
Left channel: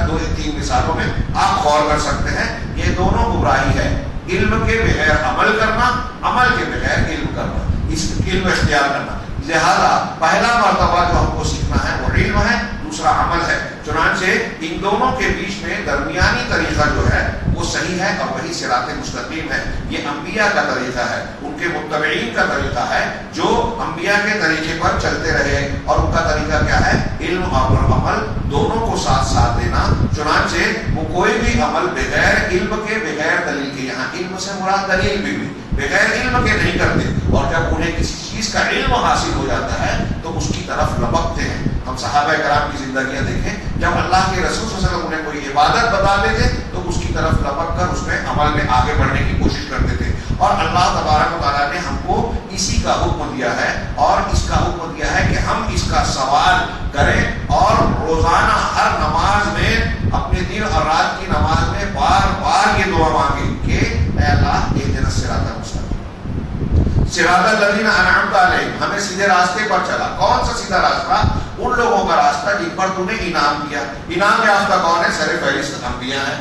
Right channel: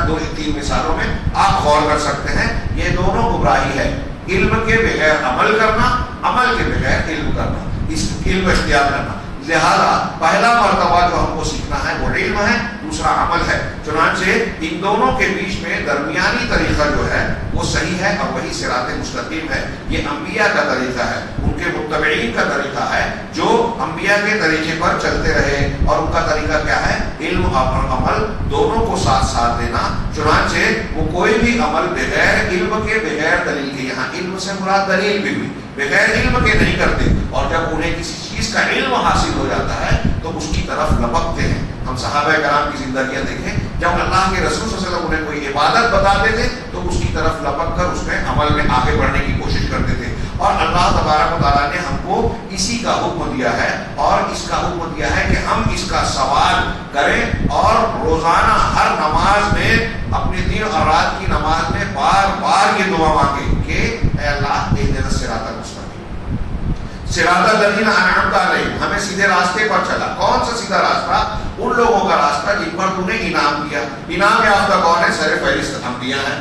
دو تین مثالوں میں آپ غور کر سکتے ہیں. یہ دونوں گمراہی ہے، علم کے بغیر عمل کرنا، عمل کے بغیر علم کرنا، اس علم اختیار کرنا. لہذا پہلا مرتبہ جو ہم کو سیکھنا ہے وہ علم ہے، دوسرا عمل ہے. چنانچہ ان دونوں کے بیچ میں درمیانی طریقہ جو ہے وہ صحیح ہے اور وہی صراط مستقیم ہے. یہ انبیاء کا طریقہ ہے، ان کے متبعین کا طریقہ ہے جو انبیاء کے طریقے پر چلتے رہے. اور ان کا طریقہ کیا ہے؟ علم اور عمل دونوں کو ساتھ ساتھ دینا. چنانچہ وہ کوئی بھی عمل بغیر علم کے، بغیر دلیل کے، یہاں علم سے مراد دلیل بھی بغیر علم کے نہیں کرتے. اور جب انہیں کسی چیز کا علم حاصل ہو جاتا ہے تو اس کی طرف لپکتے ہیں. ہم صحابہ کرام کی زندگیاں دیکھیں، جب اللہ کے رسول صلی اللہ علیہ وسلم انہیں کوئی عبادت بتاتے تھے تو اس کی طرف لپک کر اس میں عمل میں آگے بڑھنے کی کوشش کرتے تھے. اور اللہ تبارک و تعالیٰ نے ہم کو اسی کا حکم دیا ہے، اور اس کا حکم دیا ہے کہ ہم اس کا سوال کریں اور روزانہ ہر نماز میں، اپنے دن اور رات کی نماز میں بار بار یہ دعا مانگیں کہ اے اللہ اہدنا الصراط المستقیم، صراط الذین انعمت علیہم، ہمیں سیدھے راستے پر چلا. کون سا سیدھا راستہ؟ ان لوگوں کا راستہ جن پر تو نے انعام دیا. انعام یافتہ کون ہے؟ سر فہرست انبیاء ہیں،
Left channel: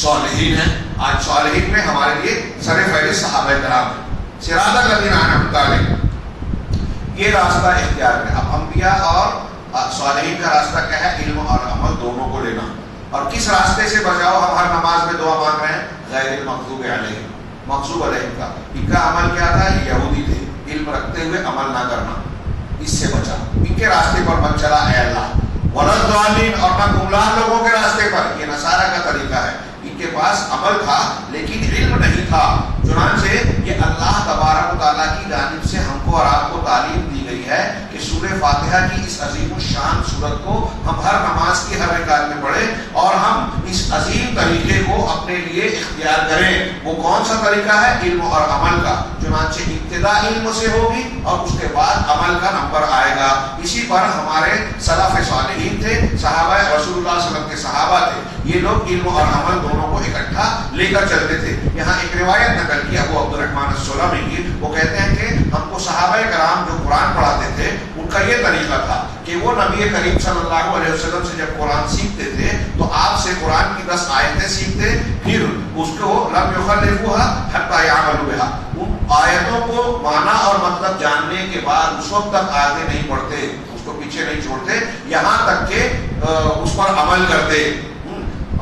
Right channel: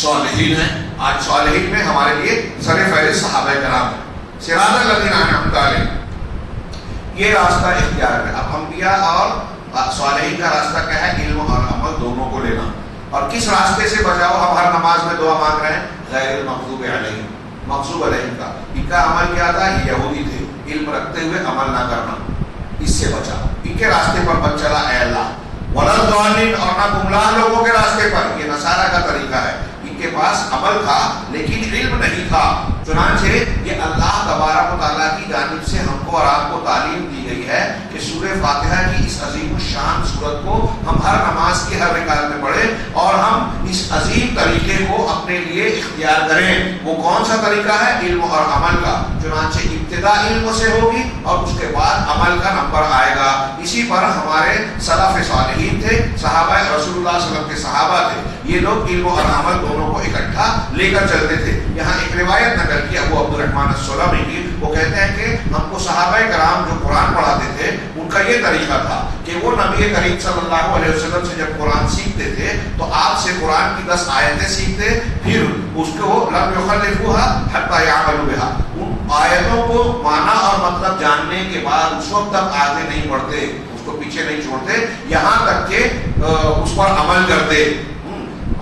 صالحین ہیں. آج صالحین میں ہمارے لیے سر فہرست صحابہ کرام ہیں. صراط الذین انعمت علیہم، یہ راستہ اختیار کریں. اب انبیاء اور صالحین کا راستہ کیا ہے؟ علم اور عمل دونوں کو لینا. اور کس راستے سے بچاؤ؟ ہم ہر نماز میں دعا مانگ رہے ہیں غیر المغضوب علیہم، مغضوب علیہم کا. ان کا عمل کیا تھا؟ یہ یہودی تھے، علم رکھتے ہوئے عمل نہ کرنا، اس سے بچا. ان کے راستے پر مت چلا اے اللہ. ولا الضالین، اور نہ گمراہ لوگوں کے راستے پر. یہ نصارہ کا طریقہ ہے، ان کے پاس عمل تھا لیکن علم نہیں تھا. چنانچہ یہ اللہ تبارک و تعالیٰ کی جانب سے ہم کو اور آپ کو تعلیم دی گئی ہے کہ سورہ فاتحہ کی اس عظیم الشان سورت کو ہم ہر نماز کی ہر رکعت میں پڑھیں اور ہم اس عظیم طریقے کو اپنے لیے اختیار کریں. وہ کون سا طریقہ ہے؟ علم اور عمل کا. چنانچہ ابتدا علم سے ہوگی اور اس کے بعد عمل کا نمبر آئے گا. اسی پر ہمارے سلف صالحین تھے، صحابہ رسول اللہ صلی اللہ علیہ وسلم کے صحابہ تھے. یہ لوگ علم اور عمل دونوں کو اکٹھا لے کر چلتے تھے. یہاں ایک روایت نقل کی ابو عبد الرحمن السلمی کی، وہ کہتے ہیں کہ ہم کو صحابہ کرام جو قرآن پڑھاتے تھے ان کا یہ طریقہ تھا کہ وہ نبی کریم صلی اللہ علیہ وسلم سے جب قرآن سیکھتے تھے تو آپ سے قرآن کی 10 آیتیں سیکھتے، پھر اس کو لم یخلفوها حتی یعملوا بها، ان آیتوں کو معنی اور مطلب جاننے کے بعد اس وقت تک آگے نہیں بڑھتے، اس کو پیچھے نہیں چھوڑتے یہاں تک کہ اس پر عمل کرتے.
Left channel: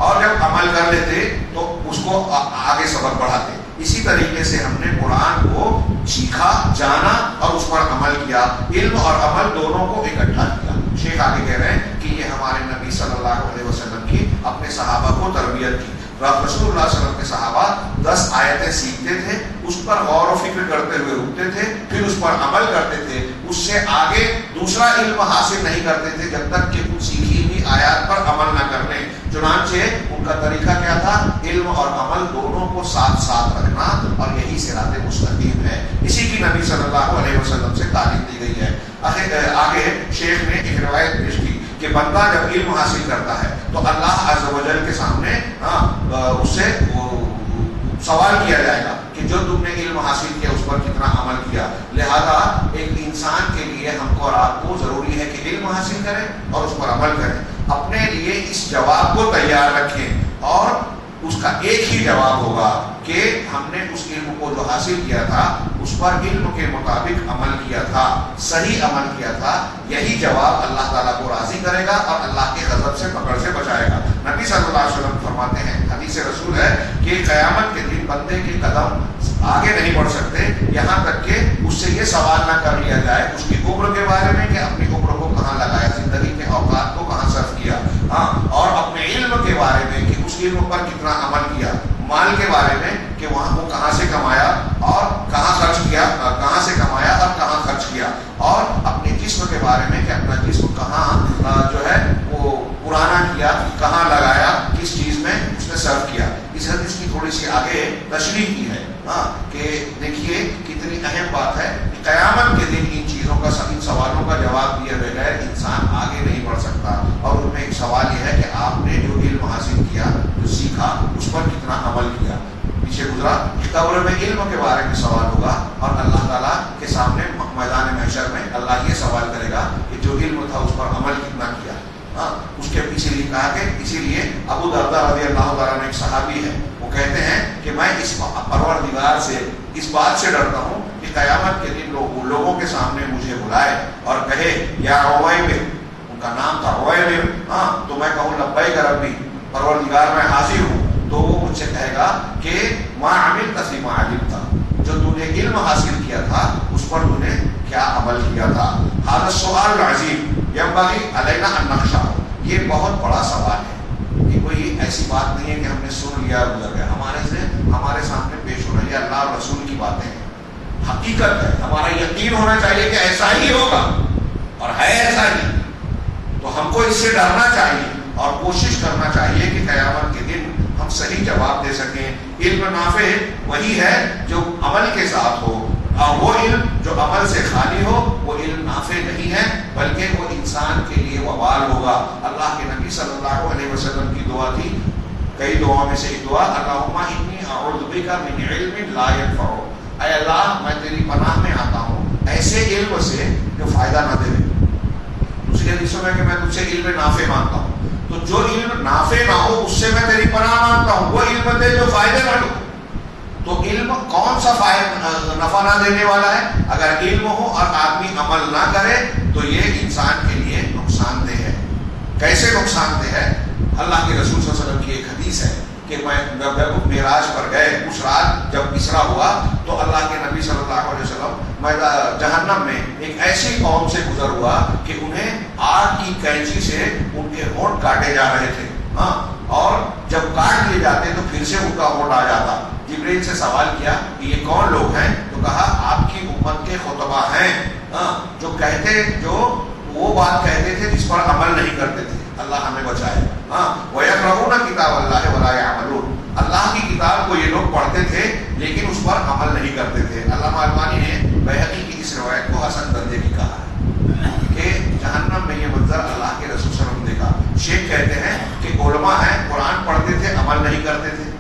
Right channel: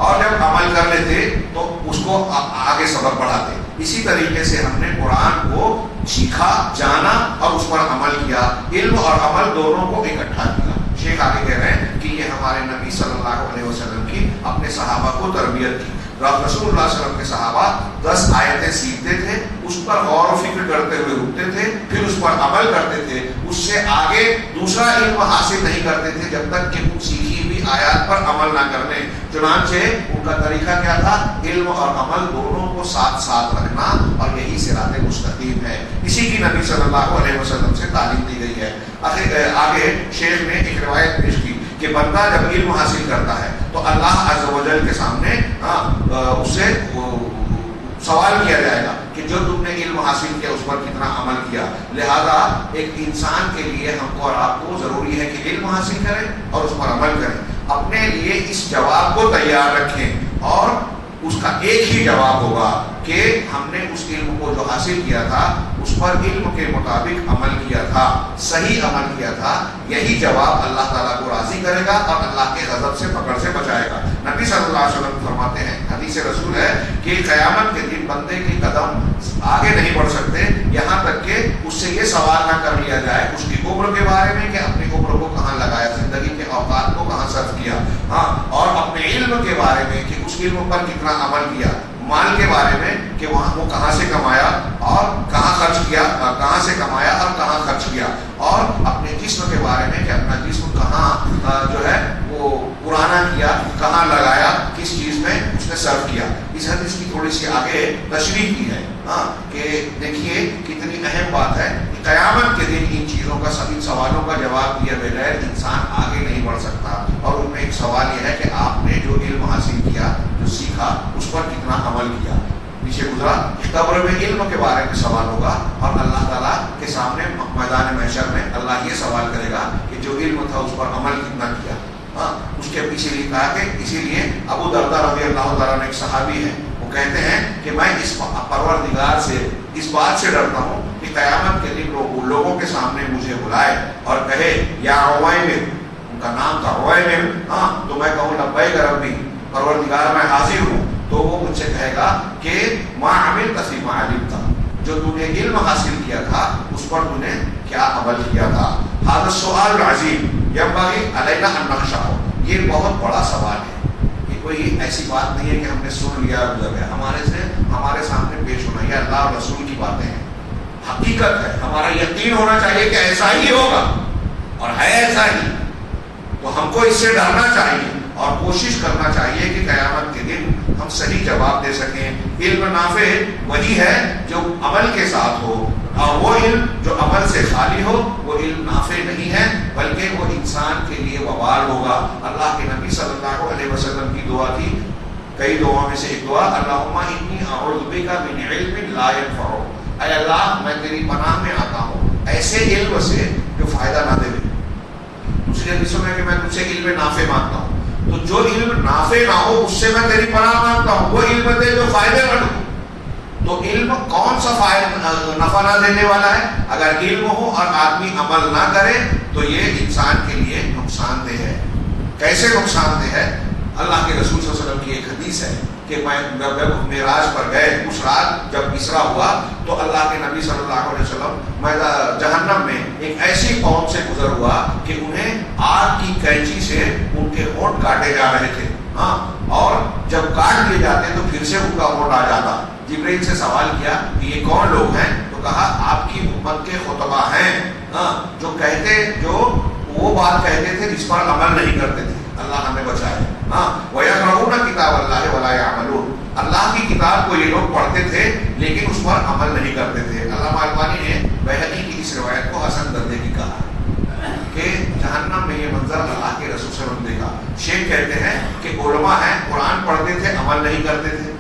اور جب عمل کر لیتے تو اس کو آگے سبق بڑھاتے. اسی طریقے سے ہم نے قرآن کو سیکھا، جانا اور اس پر عمل کیا. علم اور عمل دونوں کو اکٹھا کیا. شیخ آگے کہہ رہے ہیں کہ یہ ہمارے نبی صلی اللہ علیہ وسلم کی اپنے صحابہ کو تربیت کی. رسول اللہ صلی اللہ علیہ وسلم کے صحابہ 10 آیتیں سیکھتے تھے، اس پر غور و فکر کرتے ہوئے رکتے تھے، پھر اس پر عمل کرتے تھے. اس سے آگے دوسرا علم حاصل نہیں کرتے تھے جب تک کہ ان سیکھی ہوئی آیات پر عمل نہ کرنے. چنانچہ ان کا طریقہ کیا تھا؟ علم اور عمل دونوں کو ساتھ ساتھ رکھنا، اور یہی صراط مستقیم ہے. اسی کی نبی صلی اللہ علیہ وسلم سے تعلیم دی گئی ہے. آگے شیخ نے ایک روایت پیش کی کہ بندہ جب علم حاصل کرتا ہے تو اللہ عز و جل کے سامنے اس سے سوال کیا جائے گا کہ جو تم نے علم حاصل کیا اس پر کتنا عمل کیا. لہذا ایک انسان کے لیے ہم کو اور آپ کو ضروری ہے کہ علم حاصل کریں اور اس پر عمل کریں. اپنے لیے اس جواب کو تیار رکھیں اور اس کا ایک ہی جواب ہوگا کہ ہم نے اس علم کو جو حاصل کیا تھا اس پر علم کے مطابق عمل کیا تھا، صحیح عمل کیا تھا. یہی جواب اللہ تعالیٰ کو راضی کرے گا اور اللہ کے غضب سے پکڑ سے بچائے گا. نبی صلی اللہ علیہ وسلم فرماتے ہیں، حدیث رسول ہے کہ قیامت کے دن بندے کے قدم آگے نہیں بڑھ سکتے یہاں تک کہ اس سے یہ سوال نہ کر لیا جائے اس کی عمر کے بارے میں کہ اپنی عمر کو کہاں لگایا، زندگی کے اوقات کو کہاں صرف کیا، اور اپنے علم کے بارے میں کہ اس علم پر کتنا عمل کیا، مال کے بارے میں کہ وہاں وہ کہاں سے کمایا اور کہاں خرچ کیا، کہاں سے کمایا اور کہاں خرچ کیا، اور اپنے جسم کے بارے میں کہ اپنا جسم کہاں جو ہے تشریح کی ہے کہ دیکھیے کتنی اہم بات ہے کہ قیامت کے دن ان چیزوں کا ان سوالوں کا جواب دیے بغیر انسان آگے نہیں بڑھ سکتا. اور ان میں ایک سوال یہ ہے کہ آپ نے جو علم حاصل کیا، جو سیکھا، اس پر کتنا عمل کیا. پیچھے گزرا کہ قبر میں علم کے بارے میں سوال ہوگا اور اللہ تعالیٰ کے سامنے میدان محشر میں اللہ یہ سوال کرے گا کہ جو علم تھا اس پر عمل کتنا کیا. اس کے پیچھے یہ کہا کہ اسی لیے ابو درداء رضی اللہ تعالیٰ نے ایک صحابی ہے، وہ کہتے ہیں کہ میں اس پروردگار سے اس بات سے ڈرتا ہوں کہ قیامت کے دن لوگوں کے سامنے مجھے بلائے اور کہے یا عویمر، ان کا نام تھا عویمر، تو میں کہوں لبیک ربی، پروردگار میں حاضر ہوں. تو وہ مجھ سے کہے گا کہ ما عملت فیما علمت، جو تو نے علم حاصل کیا تھا اس پر تو نے کیا عمل کیا تھا. هذا السؤال العظیم ينبغي علينا ان نحشره، یہ بہت بڑا سوال ہے. یہ کوئی ایسی بات نہیں ہے کہ ہم نے سن لیا اور گزر گیا. ہمارے سامنے پیش ہونا، یہ اللہ اور رسول کی باتیں ہیں، حقیقت ہے. ہمارا یقین ہونا چاہیے کہ ایسا ہی ہوگا اور ہے ایسا ہی. تو ہم کو اس سے ڈرنا چاہیے اور کوشش کرنا چاہیے کہ قیامت کے دن ہم صحیح جواب دے سکیں. علم نافع وہی ہے جو عمل کے ساتھ ہو، اور وہ علم جو عمل سے خالی ہو وہ علم نافع نہیں ہے، بلکہ وہ انسان کے لیے وبال ہوگا. اللہ کے نبی صلی اللہ علیہ وسلم کی دعا تھی، کئی دعاؤں میں سے ایک دعا، اللہم انی اعوذ بک من علم لا ینفع، اے اللہ میں تیری پناہ میں آتا ہوں ایسے علم سے جو فائدہ نہ دے. دوسری حدیثوں میں کہ میں تجھ سے علم نافع مانگتا ہوں، تو جو علم نافع نہ ہو اس سے میں تیری پناہ مانگتا ہوں، وہ علم دے جو فائدے نہ دے. تو علم کون سا نفع نہ دینے والا ہے؟ اگر علم ہو اور آدمی عمل نہ کرے تو یہ انسان کے لیے نقصان دہ ہے. کیسے نقصان دہ ہے؟ اللہ کے رسول صلی اللہ علیہ وسلم کی ایک حدیث ہے کہ جب معراج پر گئے اس رات جب اسرا ہوا تو اللہ کے نبی صلی اللہ علیہ وسلم جہنم میں ایک ایسی قوم سے گزر ہوا کہ انہیں آگ کی کینچی سے ان کے ہونٹ کاٹے جا رہے تھے. اور جب کاٹ لیے جاتے تو پھر سے ان کا ہونٹ آ جاتا. جبرائیل سے سوال کیا کہ یہ کون لوگ ہیں؟ تو کہا آپ کی امت کے خطبہ ہیں، جو وہ بات کہتے تھے جس پر عمل نہیں کرتے تھے. اللہ ہمیں بچائے. وَيَقْرَؤُونَ كِتَابَ اللَّهِ وَلَا يَعْمَلُونَ، اللہ کی کتاب کو یہ لوگ پڑھتے تھے لیکن اس پر عمل نہیں کرتے تھے. علامہ البانی نے بہقی کی اس روایت کو حسن درجے کی کہا کہ جہنم میں یہ منظر اللہ کے رسول صلی اللہ علیہ وسلم دیکھا. شیخ کہتے ہیں کہ علماء ہیں، قرآن پڑھتے تھے عمل نہیں کرتے تھے،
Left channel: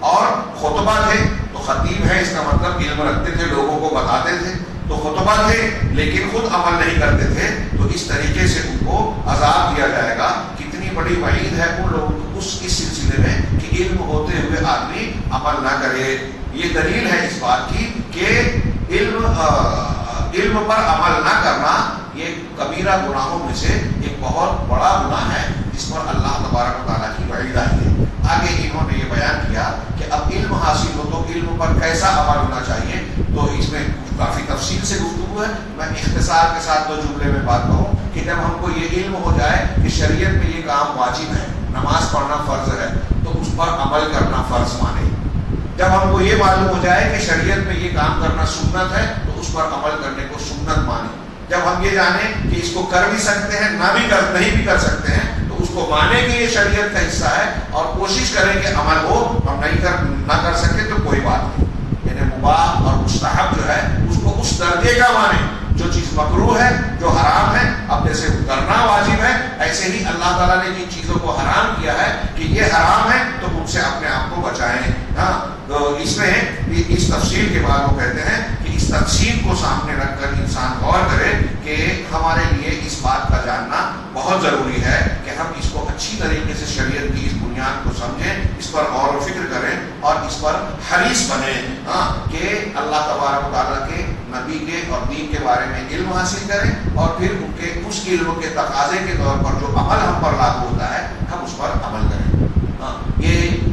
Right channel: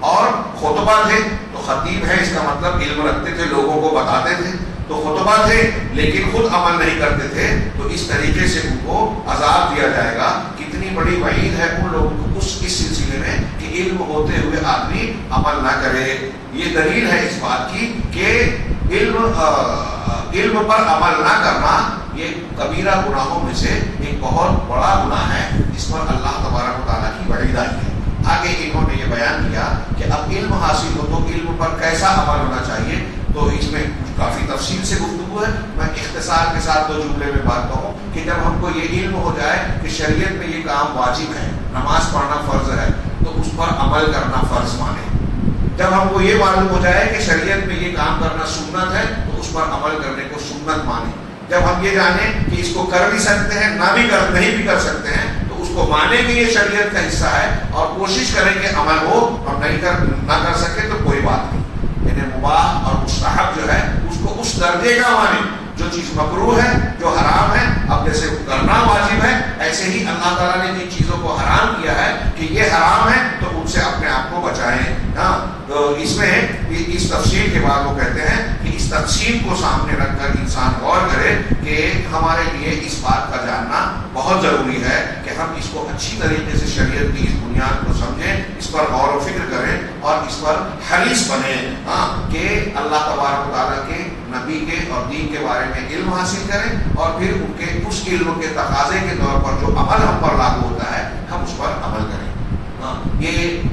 اور خطبہ تھے تو خطیب ہے اس کا مطلب علم رکھتے تھے، لوگوں کو بتاتے تھے. تو خطبہ تھے لیکن خود عمل نہیں کرتے تھے، تو اس طریقے سے ان کو عذاب دیا جائے گا. کتنی بڑی وعید ہے ان لوگوں کو اس سلسلے میں کہ علم ہوتے ہوئے آدمی عمل نہ کرے. یہ دلیل ہے اس بات کی کہ علم پر عمل نہ کرنا یہ کبیرہ گناہوں میں سے ایک بہت بڑا گناہ ہے جس پر اللہ تبارک و تعالیٰ کی وعید آئی ہے. آگے انہوں نے یہ بیان کیا کہ اب علم حاصل ہو تو علم پر کیسا عمل ہونا چاہیے. تو اس میں کافی تفصیل سے گفتگو ہے. میں اختصار کے ساتھ دو جملے میں بات کہوں کہ جب ہم کو یہ علم ہو جائے کہ شریعت میں یہ کام واجب ہے، نماز پڑھنا فرض ہے، تو اس پر عمل کرنا فرض مانے. جب ہم کو یہ معلوم ہو جائے کہ شریعت میں یہ کام کرنا سنت ہے تو اس پر عمل کرنے کو سنت مانے. جب ہم یہ جانیں کہ اس کو کر بھی سکتے ہیں نہیں بھی کر سکتے ہیں تو اس کو مانے کہ یہ شریعت کا حصہ ہے اور کوشش کریں کہ عمل ہو. اور نہ کر سکے تو کوئی بات نہیں، یعنی مباح اور مستحب جو ہے اس کو اس درجے کا مانے. جو چیز مکروہ ہے، جو حرام ہے، اب جیسے کرنا واجب ہے ایسے ہی اللہ تعالیٰ نے جن چیزوں کو حرام کیا ہے کہ یہ حرام ہے تو ان سے اپنے آپ کو بچائیں. تو اس میں اس تفصیل کے بعد وہ کہتے ہیں کہ اس تقسیم کو سامنے رکھ کر انسان غور کرے کہ ہمارے لیے اس بات کا جاننا بہت ضروری ہے کہ ہم اس کو اچھی طریقے سے شریعت کی اس بنیاد کو سمجھیں، اس پر غور و فکر کریں اور اس پر حریص بنیں کہ اللہ تبارک و تعالیٰ کے نبی کے اور دین کے بارے میں علم حاصل کریں اور پھر ان کے اس علم کے تقاضے کے طور پر جو عمل ہم پر لاگو ہوتا ہے ہم اس پر عمل کریں. یہ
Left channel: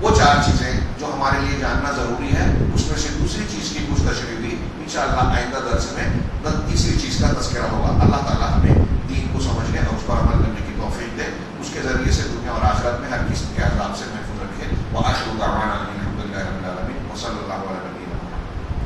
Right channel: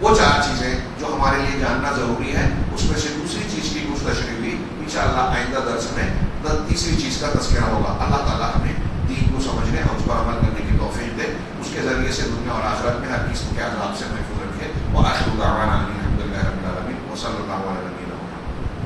وہ چار چیزیں جو ہمارے لیے جاننا ضروری ہے. اس میں سے دوسری چیز کی کچھ تشریح بھی انشاءاللہ آئندہ درس میں تیسری چیز کا تذکرہ ہوگا. اللہ تعالیٰ ہمیں دین کو سمجھنے اور اس پر عمل کرنے کی توفیق دے، اس کے ذریعے سے دنیا اور آخرت میں ہر قسم کے عذاب سے محفوظ رکھے. وآخر دعوانا ان الحمد للہ رب العالمین وصلی